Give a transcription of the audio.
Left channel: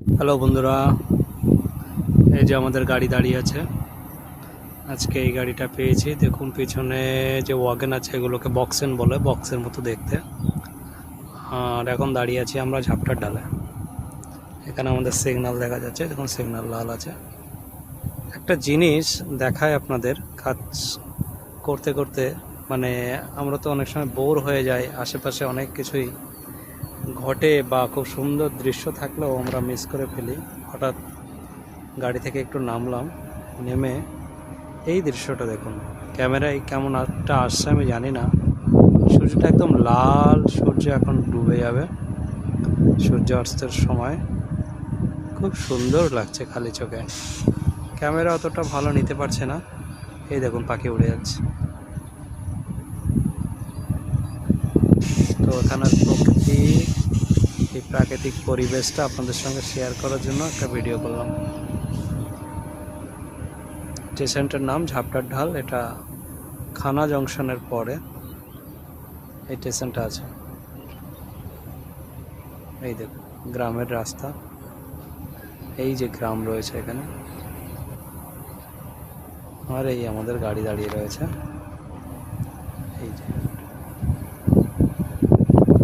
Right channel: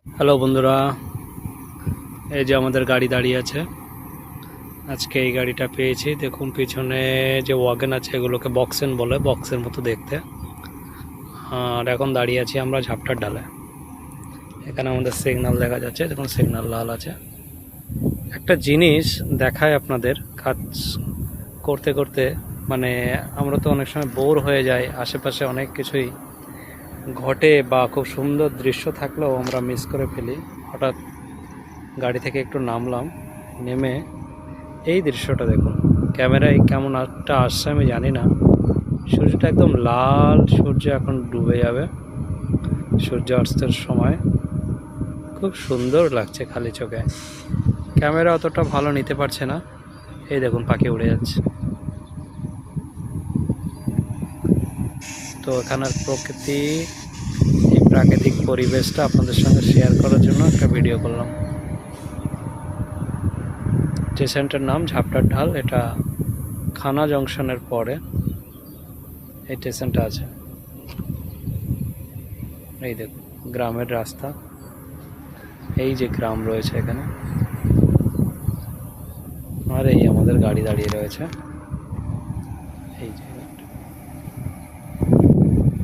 Hello বন্ধুরা, এই যে আমাদের গাড়ি দাঁড়িয়ে আছে। আজকে এই গাড়িটা পেয়েছি। দেখুন পিছনে যে ওয়াগন আছে এগুলোকে বক্সেন বলে, বক্সের মতো দেখতে। আর এখন দাঁড়িয়ে আছি আমরা ঝাপটার ডালে। এখানে আমাদের সিগন্যাল দেখা যাচ্ছে, দেখুন সিগন্যাল লাল আছে। একটা জিনিস দেখায় আপনাদের, কাজ করতে করতে মানে আমরা তো অনেক সময় বোর হয়ে যাই, আশেপাশে অনেক কিছুই ঘটে বা খুব সুন্দর দৃশ্য থাকলেও আমরা মিস করে ফেলি। হঠাৎ গাড়ি থেকে একটু নামলাম, নেমে এই দৃশ্যটা দেখুন। ক্যামেরায় কেমন একটা আসছে আমি জানি না। সূর্যটা একদম লাল, সূর্য এখন ডুবে যাবে, সূর্য অস্তের সময়। খুব সুন্দর লাগছে খালি চোখে। ক্যামেরা অতটা ভালো নিতে পারছে না। এই দেখুন পাখি উড়ে যাচ্ছে। তো এখানের প্রকৃতি, এই প্রাকৃতিক পরিবেশটা আপনাদের সঙ্গে শেয়ার করার জন্য একটা ভিডিও করলাম। স্টেশনটার নাম ঝাপটার ঢাল। এটা খানা জংশনের পরে এই স্টেশনটা আছে। এই দেখুন গ্রামের রাস্তা, এই যে গ্রাম রয়েছে এখানে, আর এই আমাদের গাড়ি দাঁড়িয়ে রয়েছে। এই যে